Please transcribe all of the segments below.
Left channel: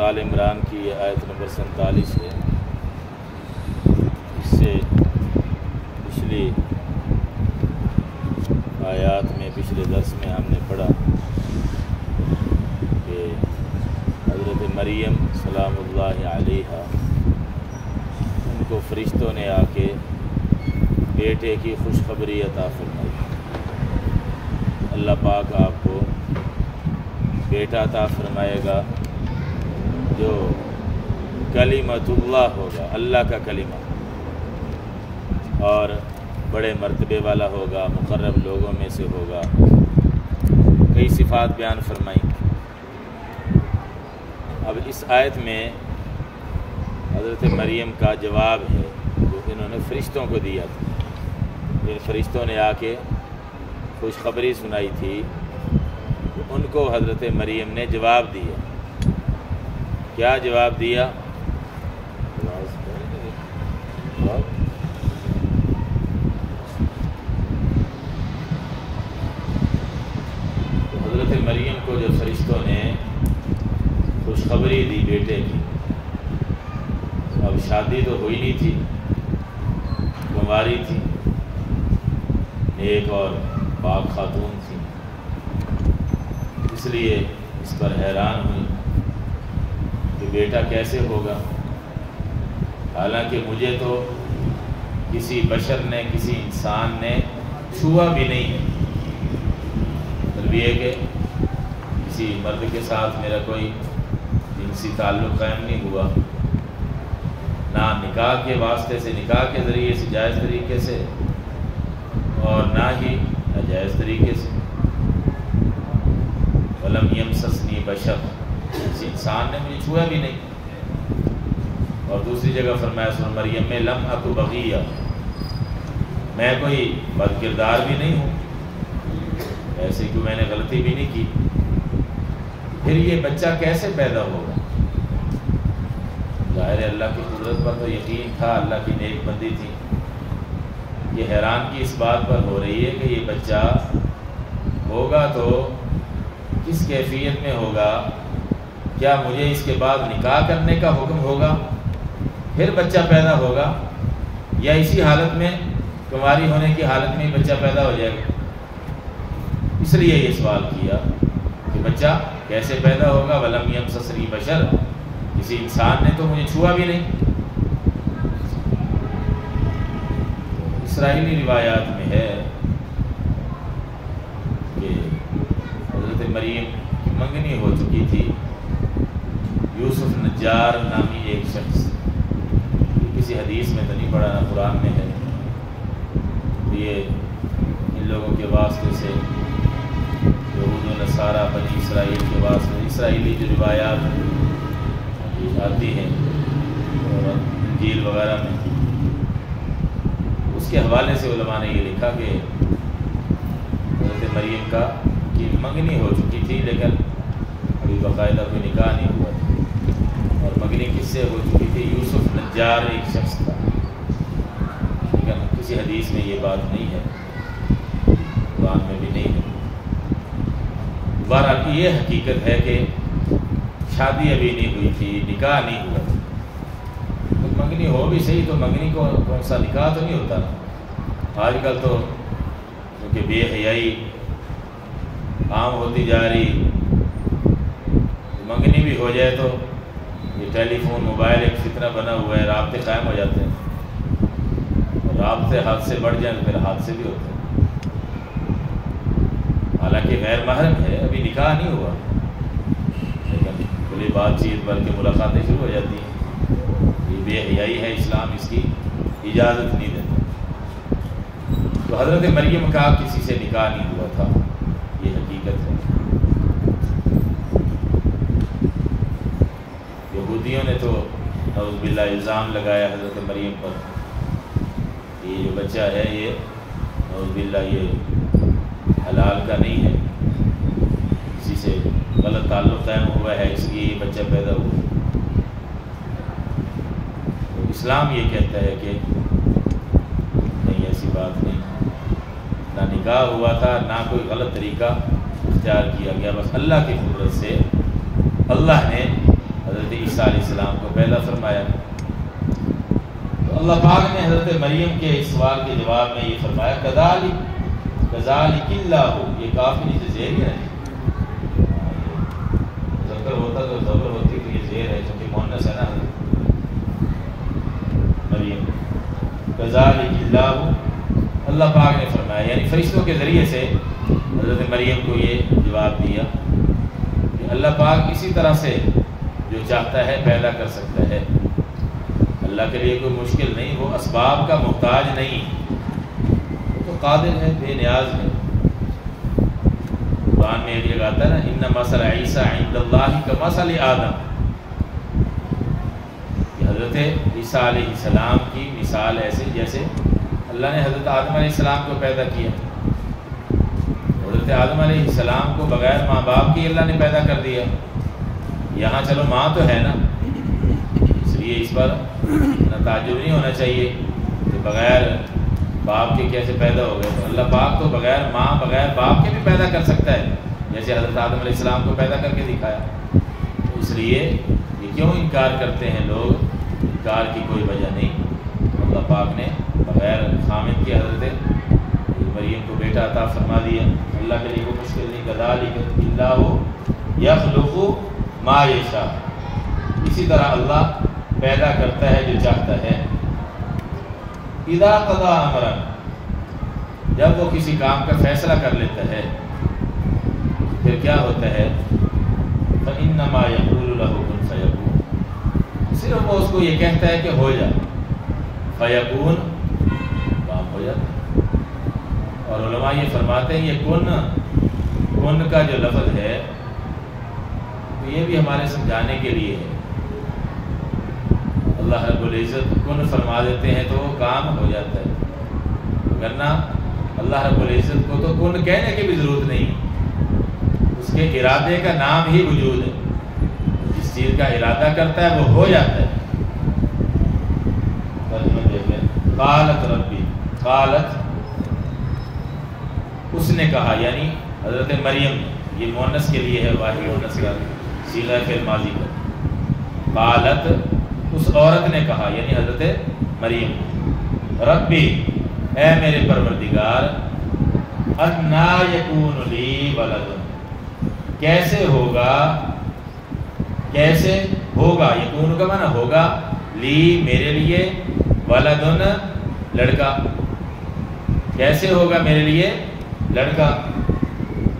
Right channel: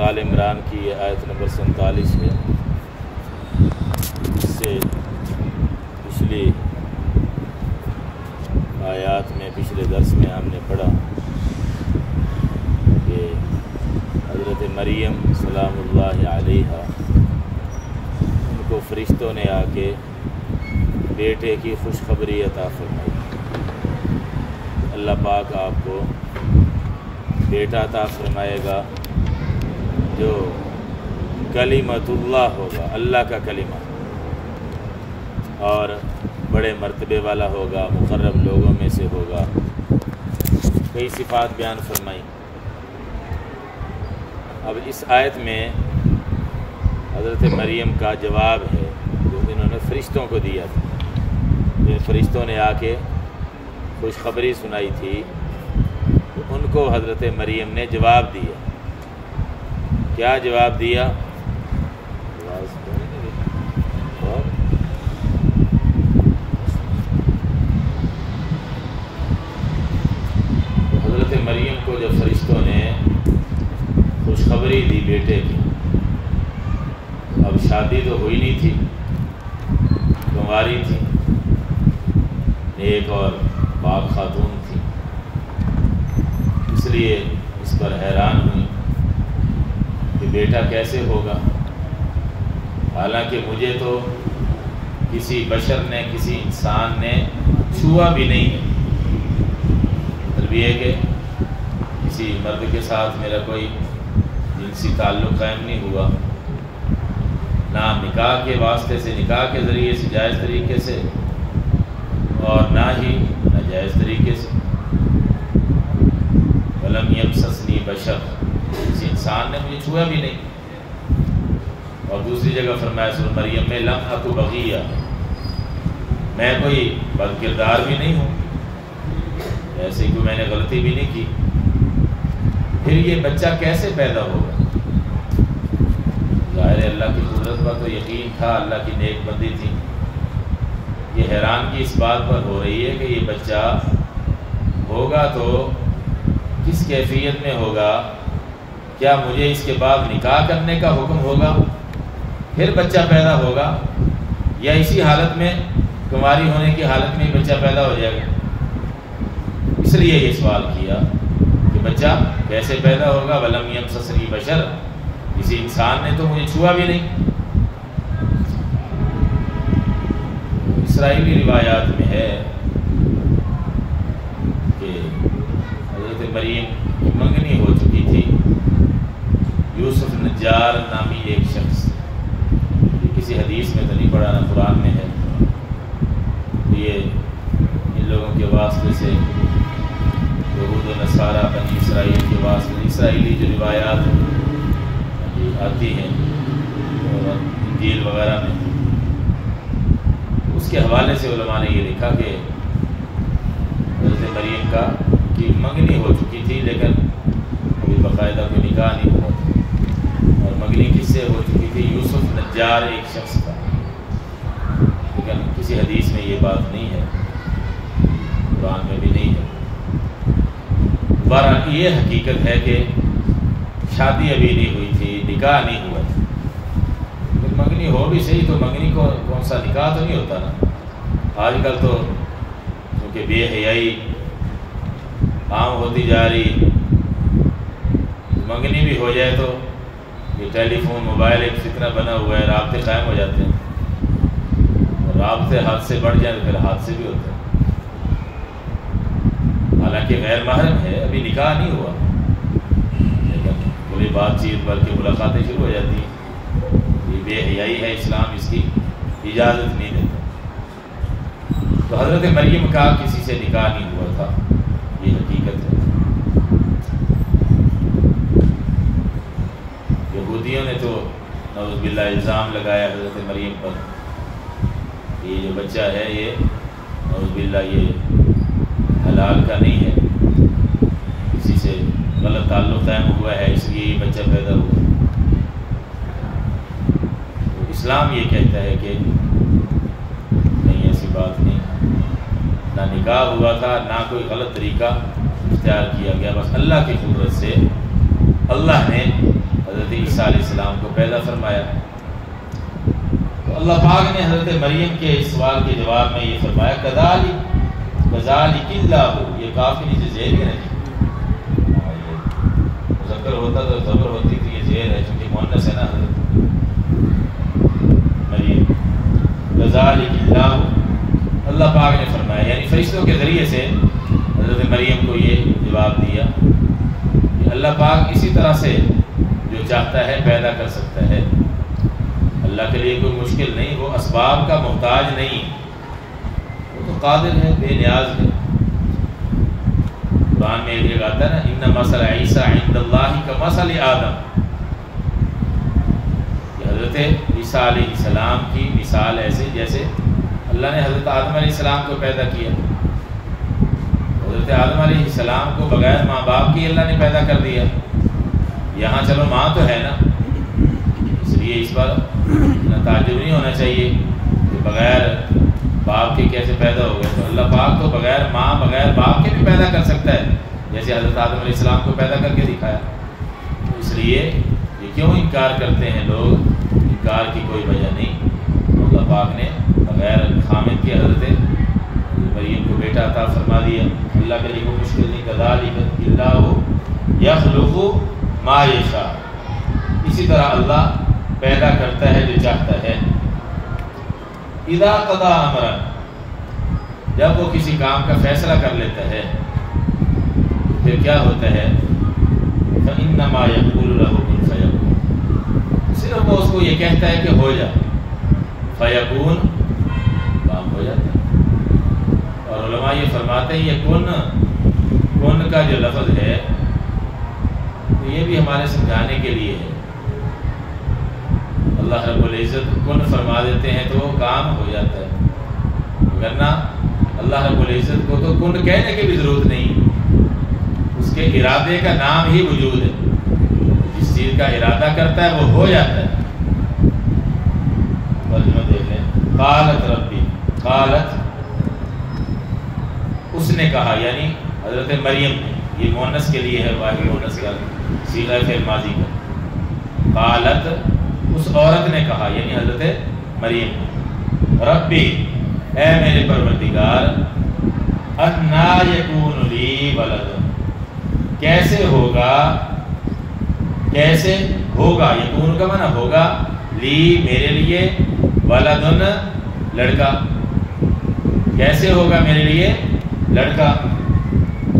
آل عمران کی یہ آیت نمبر 47 ہے۔ اس سے پچھلی آیات میں پچھلے درس میں ہم نے پڑھا کہ حضرت مریم سلام اللہ علیہا ان کو فرشتوں نے آ کے بیٹے کی خوشخبری عطا فرمائی۔ اللہ پاک آپ کو بیٹا عطا فرمائے گا جو کلمۃ اللہ ہوگا، اللہ کا کلمہ، اور بڑے مرتبے والا ہوگا، مقرب لوگوں میں سے ہوگا۔ کئی صفات بیان فرمائیں۔ اب اس آیت میں حضرت مریم کا جواب ہے جو انہوں نے فرشتوں کو دیا تھا۔ جن فرشتوں نے آ کے خوشخبری سنائی تھی تو ان کو حضرت مریم نے جواب دیا۔ کیا جواب دیا؟ تو حضرت مریم کو جب فرشتوں نے خوشخبری دی بیٹے کی، اب شادی تو ہوئی نہیں تھی، کنواری تھی، نیک اور پاک خاتون تھی، اس لیے اس پر حیران ہوئی کہ بیٹا کیسے ہوگا، حالانکہ مجھے تو کسی بشر نے، کسی انسان نے چھوا بھی نہیں ہے۔ مطلب یہ کہ کسی مرد کے ساتھ میرا کوئی جنسی تعلق قائم نہیں ہوا، نہ نکاح کے واسطے سے، نکاح کے ذریعے سے جائز طریقے سے، اور نہ ہی ناجائز طریقے سے۔ وَلَمْ يَمْسَسْنِي بَشَرٌ، کسی انسان نے مجھے چھویا بھی نہیں۔ اور دوسری جگہ فرمایا سورہ مریم میں لم اک بغیہ، میں کوئی بد کردار بھی نہیں ہوں، ایسے ہی کوئی میں نے غلطی بھی نہیں کی۔ پھر یہ بچہ کیسے پیدا ہوگا؟ ظاہر اللہ کی قدرت پر تو یقین تھا، اللہ کی نیک بندی تھی۔ یہ حیران کی اس بات پر ہو رہی ہے کہ یہ بچہ ہوگا تو کس کیفیت میں ہوگا؟ کیا مجھے اس کے بعد نکاح کرنے کا حکم ہوگا پھر بچہ پیدا ہوگا، یا اسی حالت میں کنواری ہونے کی حالت میں ہی بچہ پیدا ہو جائے گا؟ اس لیے یہ سوال کیا کہ بچہ کیسے پیدا ہوگا؟ وَلَمْ يَمْسَسْنِي بَشَرٌ، کسی انسان نے تو مجھے چھوا بھی نہیں۔ اسرائیلی روایات میں ہے کہ حضرت مریم کی منگنی ہو چکی تھی۔ یوسف نجار نامی ایک شخص، یہ کسی حدیث میں تو نہیں پڑھا، نہ قرآن میں ہے، یہ ان لوگوں کے واسطے سے، یہود و نصارہ بنی اسرائیل کے واسطے سے اسرائیلی جو روایات آتی ہیں اور انجیل وغیرہ میں، اس کے حوالے سے علماء نے یہ لکھا کہ حضرت مریم کی منگنی ہو چکی تھی، لیکن ابھی باقاعدہ کوئی نکاح نہیں ہوا تھا۔ اور منگنی کس سے ہو چکی تھی؟ یوسف نجار ایک شخص تھا، لیکن کسی حدیث میں یہ بات نہیں ہے، قرآن میں بھی نہیں ہے۔ بہرحال یہ حقیقت ہے کہ شادی ابھی نہیں ہوئی تھی، نکاح نہیں ہوا تھا۔ منگنی ہو بھی صحیح تو منگنی کو کون سا نکاح تو نہیں ہوتا نا۔ آج کل تو کیونکہ بے حیائی عام ہوتی جا رہی، منگنی بھی ہو جائے تو یہ ٹیلی فون، موبائل ایک فتنہ بنا ہوا ہے، رابطے قائم ہو جاتے ہیں، اور رابطے حادثے بڑھ جائیں تو پھر حادثے بھی ہوتے ہیں۔ حالانکہ غیر محرم ہے، ابھی نکاح نہیں ہوا، لیکن کھلی بات چیت بلکہ ملاقاتیں شروع ہو جاتی ہیں۔ یہ بے حیائی ہے، اسلام اس کی اجازت نہیں دیتا۔ تو حضرت مریم کا کسی سے نکاح نہیں ہوا تھا، یہ حقیقت ہے۔ یہودیوں نے تو نعوذ باللہ الزام لگایا حضرت مریم پر، یہ جو بچہ ہے یہ نعوذ باللہ یہ حلال کا نہیں ہے، کسی سے غلط تعلق قائم ہوا ہے، اس لیے یہ بچہ پیدا ہوا۔ تو اسلام یہ کہتا ہے کہ نہیں، ایسی بات نہیں، نہ نکاح ہوا تھا، نہ کوئی غلط طریقہ اختیار کیا گیا، بس اللہ کی قدرت سے اللہ نے حضرت عیسیٰ علیہ السلام کو پیدا فرمایا۔ تو اللہ پاک نے حضرت مریم کے اس سوال کے جواب میں یہ فرمایا کذالک اللہ، یہ کافی نیچے زیر ہی نہیں، مذکر ہوتا تو ذکر ہوتی کہ یہ زیر ہے، چونکہ مؤنث ہے نا حضرت مریم۔ کذالک اللہ، اللہ پاک نے فرمایا، یعنی فرشتوں کے ذریعے سے حضرت مریم کو یہ جواب دیا کہ اللہ پاک اسی طرح سے جو چاہتا ہے پیدا کر سکتا ہے، اللہ کے لیے کوئی مشکل نہیں، وہ اسباب کا محتاج نہیں، وہ تو قادر ہے، بے نیاز ہے۔ قرآن میں ایک جگہ آتا ہے نا ان مثل عیسیٰ عند اللہ کمثل آدم، کہ حضرت عیسیٰ علیہ السلام کی مثال ایسے جیسے اللہ نے حضرت آدم علیہ السلام کو پیدا کیا۔ حضرت آدم علیہ السلام کو بغیر ماں باپ کی اللہ نے پیدا کر دیا، یہاں چلو ماں تو ہے نا، اس لیے اس پر اتنا تعجب نہیں ہونا چاہیے کہ بغیر باپ کے کیسے پیدا ہو گئے۔ تو اللہ پاک تو بغیر ماں بغیر باپ کے بھی پیدا کر سکتا ہے، جیسے حضرت آدم علیہ السلام کو پیدا کر کے دکھایا۔ تو اس لیے یہ کیوں انکار کرتے ہیں لوگ؟ انکار کی کوئی وجہ نہیں، اللہ پاک نے بغیر خامد کے حضرت مریم کو بیٹا عطا فرما دیا، اللہ کے لیے کوئی مشکل نہیں۔ کذالک اللہ یخلق ما یشاء، اسی طرح اللہ پیدا کرتا ہے جو چاہتا ہے۔ اذا قضا امرا، جب وہ کسی کام کا فیصلہ کر لیتا ہے پھر کیا ہوتا ہے؟ فإنما یقول له کن فیکون، صرف وہ اس کو یہ کہتا ہے کہ ہو جا، فیکون، کام ہو جاتا ہے۔ اور علماء یہ فرماتے ہیں یہ کن کا جو لفظ ہے تو یہ بھی ہمارے سمجھانے کے لیے ہے۔ اللہ رب العزت کن فرما دیتے ہیں تو وہ کام ہو جاتا ہے، ورنہ اللہ رب العزت کو تو کن کہنے کی بھی ضرورت نہیں، اس کے ارادے کا نام ہی وجود ہے، جس چیز کا ارادہ کرتا ہے وہ ہو جاتا ہے۔ ترجمہ دیکھ لیں، قالت ربی، قالت اس نے کہا، یعنی حضرت مریم نے، یہ مؤنث کے لیے ہے، واحد مؤنث کا صیغہ فعل ماضی کا، قالت اس عورت نے کہا یعنی حضرت مریم، ربی اے میرے پروردگار، انا یکون لی ولد، کیسے ہوگا یکون کا معنی ہوگا، لی میرے لیے، ولدن لڑکا، کیسے ہوگا میرے لیے لڑکا،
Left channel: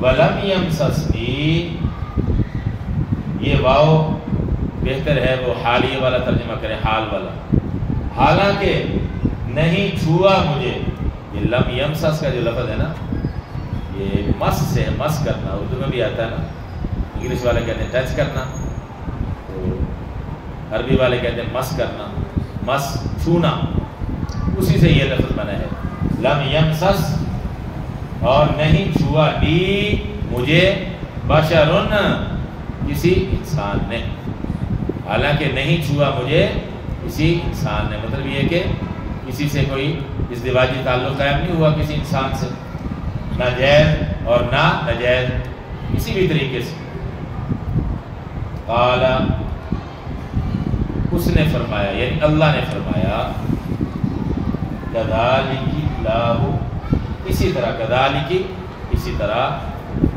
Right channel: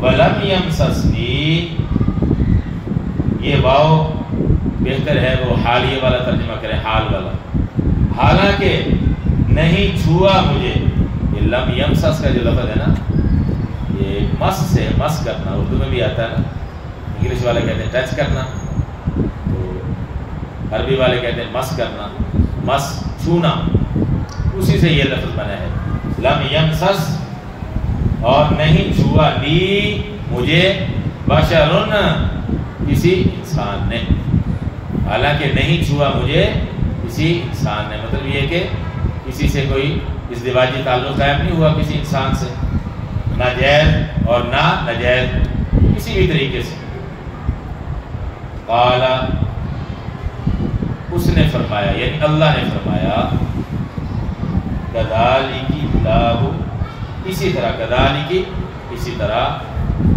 ولم یمسسنی، یہ واو بہتر ہے وہ حالیہ والا ترجمہ کریں، حال والا، حالانکہ نہیں چھوا مجھے۔ یہ لم یمسس کا جو لفظ ہے نا، یہ مس سے مس کرنا، اردو میں بھی آتا ہے نا، انگلش والے کہتے ہیں ٹچ کرنا، تو عربی والے کہتے ہیں مس کرنا، مس چھونا، اسی سے یہ لفظ بنا ہے، لم یمسس، اور نہیں چھوا لی مجھے، بشرن کسی انسان نے، حالانکہ نہیں چھوا مجھے کسی انسان نے، مطلب یہ کہ کسی سے کوئی ازدواجی تعلق قائم نہیں ہوا کسی انسان سے، نہ جائز اور نہ ناجائز کسی بھی طریقے سے۔ قال، اس نے فرمایا یعنی اللہ نے فرمایا، کذالک اللہ، اسی طرح، کذالک اسی طرح،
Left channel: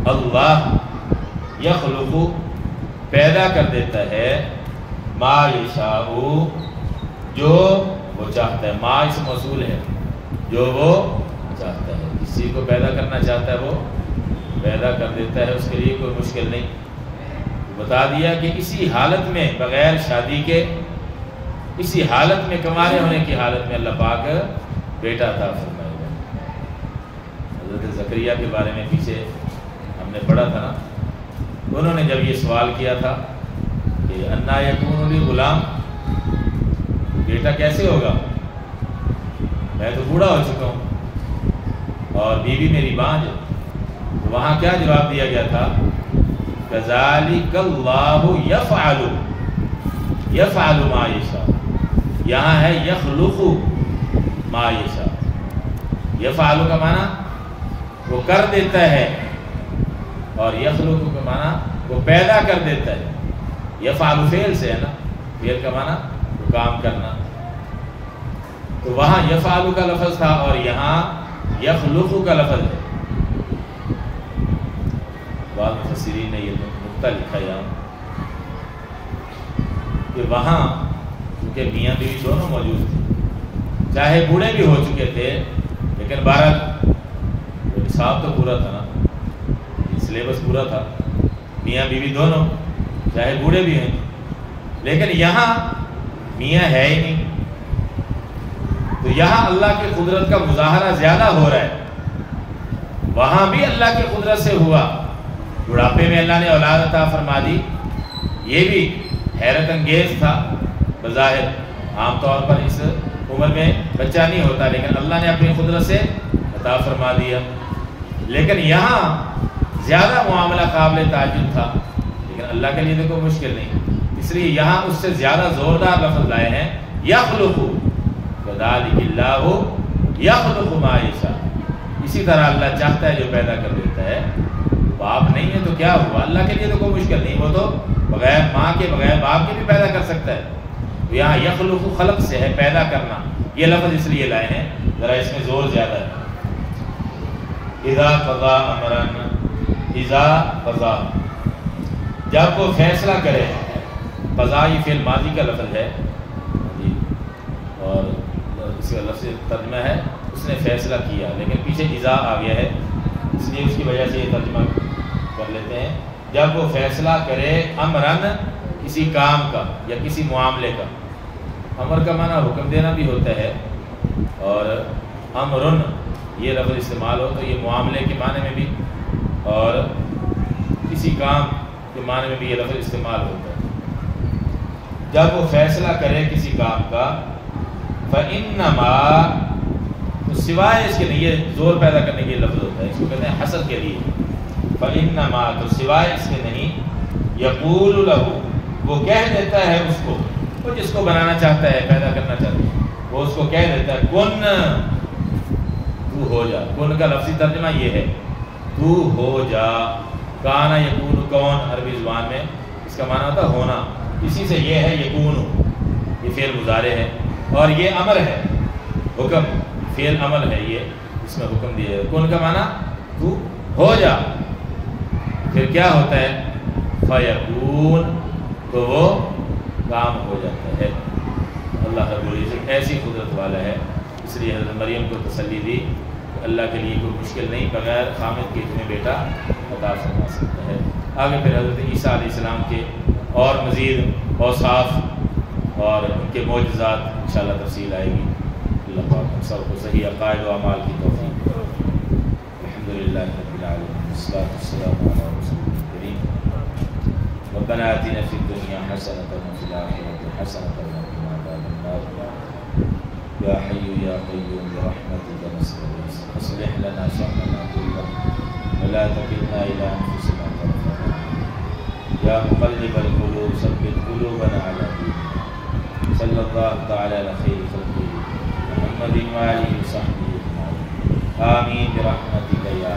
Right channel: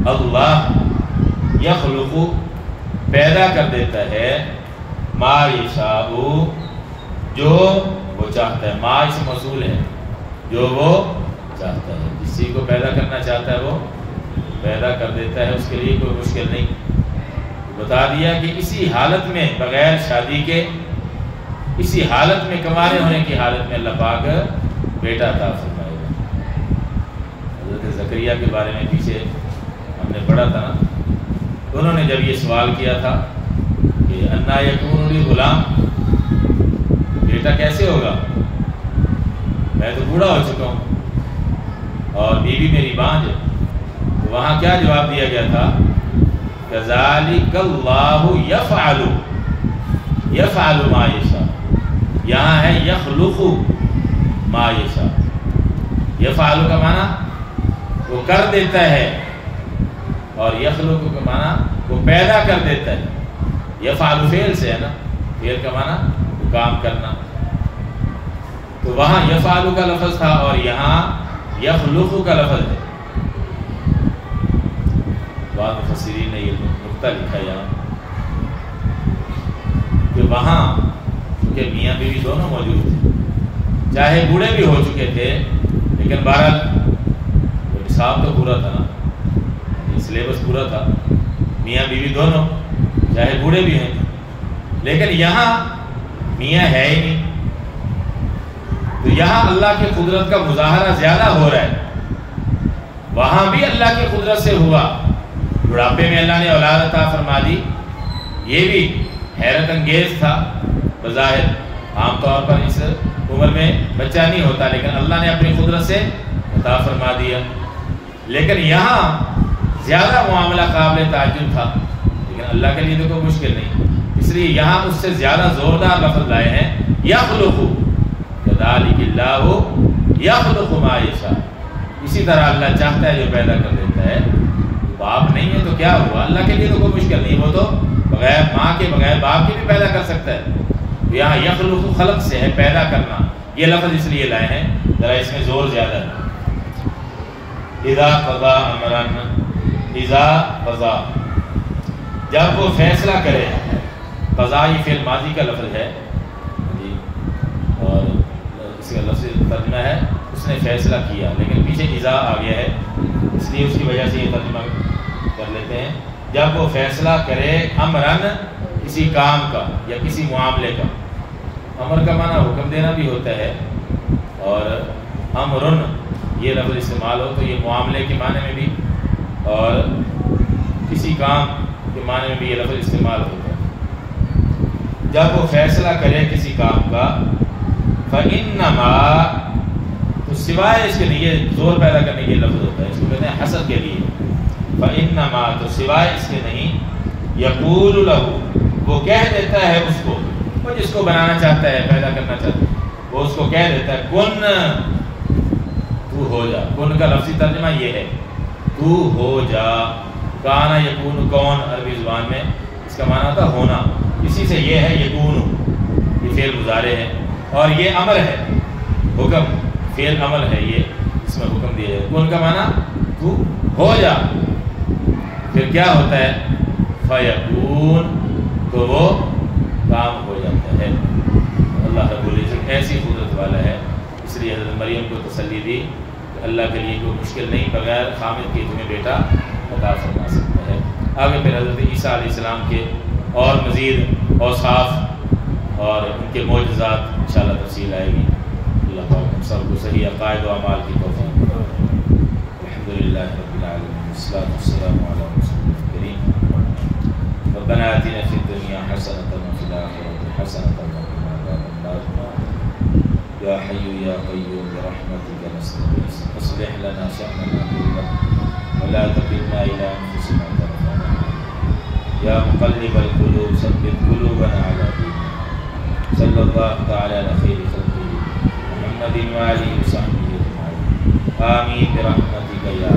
اللہ یخلق پیدا کر دیتا ہے، ما یشاء جو وہ چاہتا ہے، ما اس موصول ہے، جو وہ چاہتا ہے، جس چیز کو پیدا کرنا چاہتا ہے وہ پیدا کر دیتا ہے، اس کے لیے کوئی مشکل نہیں۔ بتا دیا کہ اسی حالت میں بغیر شادی کے، اسی حالت میں کمانے ہونے کی حالت میں اللہ پاک بیٹا عطا فرمائے گا۔ حضرت زکریا کے بارے میں پیچھے ہم نے پڑھا تھا نا، انہوں نے جب یہ سوال کیا تھا کہ انا یکون لی غلام، بیٹا کیسے ہوگا، میں تو بوڑھا ہو چکا ہوں اور بیوی میری بانجھ ہے، تو وہاں کیا جواب دیا گیا تھا؟ کذالک اللہ یفعل ما یشاء، یہاں ہے یخلق ما یشاء، یفعل کا معنی وہ کر دیتا ہے، اور یخلق کا معنی وہ پیدا کر دیتا ہے، یفعل فعل سے ہے نا، فعل کا معنی کام کرنا، تو وہاں یفعل کا لفظ تھا اور یہاں یخلق کا لفظ ہے۔ بعض مفسرین نے یہ نقطہ لکھا یہاں کہ وہاں کیونکہ میاں بیوی دونوں موجود تھے، چاہے بوڑھے بھی ہو چکے تھے لیکن بہرحال وہ نصاب تو پورا تھا نا، سلیبس پورا تھا، میاں بیوی دونوں چاہے بوڑھے بھی ہیں، لیکن یہاں میاں ہے ہی نہیں، تو یہاں اللہ کی قدرت کا مظاہرہ زیادہ ہو رہا ہے، وہاں بھی اللہ کی قدرت سے ہوا، بڑھاپے میں اللہ نے اولاد عطا فرما دی، یہ بھی حیرت انگیز تھا بظاہر، عام طور پر اس عمر میں بچہ نہیں ہوتا لیکن اللہ نے اپنی قدرت سے عطا فرما دیا، لیکن یہاں زیادہ معاملہ قابل تعجب تھا، لیکن اللہ کے لیے تو کوئی مشکل نہیں، اس لیے یہاں اس سے زیادہ زوردار لفظ لائے ہیں یخلق، کذالک اللہ یخلق ما یشاء، اسی طرح اللہ چاہتا ہے جو پیدا کر دیتا ہے، باپ نہیں ہے تو کیا ہوا، اللہ کے لیے تو کوئی مشکل نہیں، وہ تو بغیر ماں کے بغیر باپ کے بھی پیدا کر سکتا ہے، یہاں یخلق خلق سے ہے، پیدا کرنا، یہ لفظ اس لیے لائے ہیں، ذرا اس میں زور زیادہ ہے۔ اذا قضا امرا، اذا قضا جب وہ فیصلہ کرے، قضا یہ فعل ماضی کا لفظ ہے اور اس کا لفظ ترجمہ ہے اس نے فیصلہ کیا، لیکن پیچھے اذا آ گیا ہے اس لیے اس کی وجہ سے یہ ترجمہ کر لیتے ہیں، جب وہ فیصلہ کرے امرن کسی کام کا یا کسی معاملے کا، امر کا معنی حکم دینا بھی ہوتا ہے اور امرن یہ لفظ استعمال ہو تو یہ معاملے کے معنی میں بھی اور کسی کام کے معنی میں بھی یہ لفظ استعمال ہوتا ہے، جب وہ فیصلہ کرے کسی کام کا، فَإِنَّمَا تو سوائے اس کے لیے زور پیدا کرنے کے لفظ ہوتا ہے، اس کو کہتے ہیں حسد کے لیے، فَإِنَّمَا تو سوائے اس کے نہیں، يَقُولُ لَهُ وہ کہہ دیتا ہے اس کو، وہ جس کو بنانا چاہتا ہے پیدا کرنا چاہتا ہے وہ اس کو کہہ دیتا ہے کن تو ہو جا، کن کا لفظی ترجمہ یہ ہے تو ہو جا، کانا یکون کون عربی زبان میں اس کا معنی تھا ہونا، اسی سے یہ ہے یکون، یہ فعل مضارع ہے اور یہ امر ہے، حکم فعل عمل ہے، یہ اس میں حکم دیا ہے، کن کا معنی تو ہو جا، پھر کیا ہوتا ہے فیکون تو وہ کام ہو جاتا ہے۔ اللہ رب العزت ایسی قدرت والا ہے، اس لیے حضرت مریم کو تسلی دی کہ اللہ کے لیے کوئی مشکل نہیں، بغیر خامد کے تمہیں بیٹا عطا فرما سکتا ہے۔ آگے پھر حضرت عیسیٰ علیہ السلام کے اور مزید اوصاف اور ان کے معجزات انشاءاللہ تفصیل آئے گی۔ اللہ پاک ہم سب کو صحیح عقائد و اعمال کی توفیق۔ الحمدللہ رب العالمین، والصلاۃ والسلام علی رسول الکریم۔ ربنا آتنا فی الدنیا حسنۃ وفی الآخرۃ حسنۃ وقنا عذاب النار یا حی یا قیوم برحمتک نستغیث اصلح لنا شأننا کلہ ولا تکلنا الی انفسنا طرفۃ عین یا مقلب القلوب ثبت قلوبنا علی دینک صلی اللہ تعالی علی خیر خلقہ محمد وآلہ وصحبہ اجمعین آمین برحمتک یا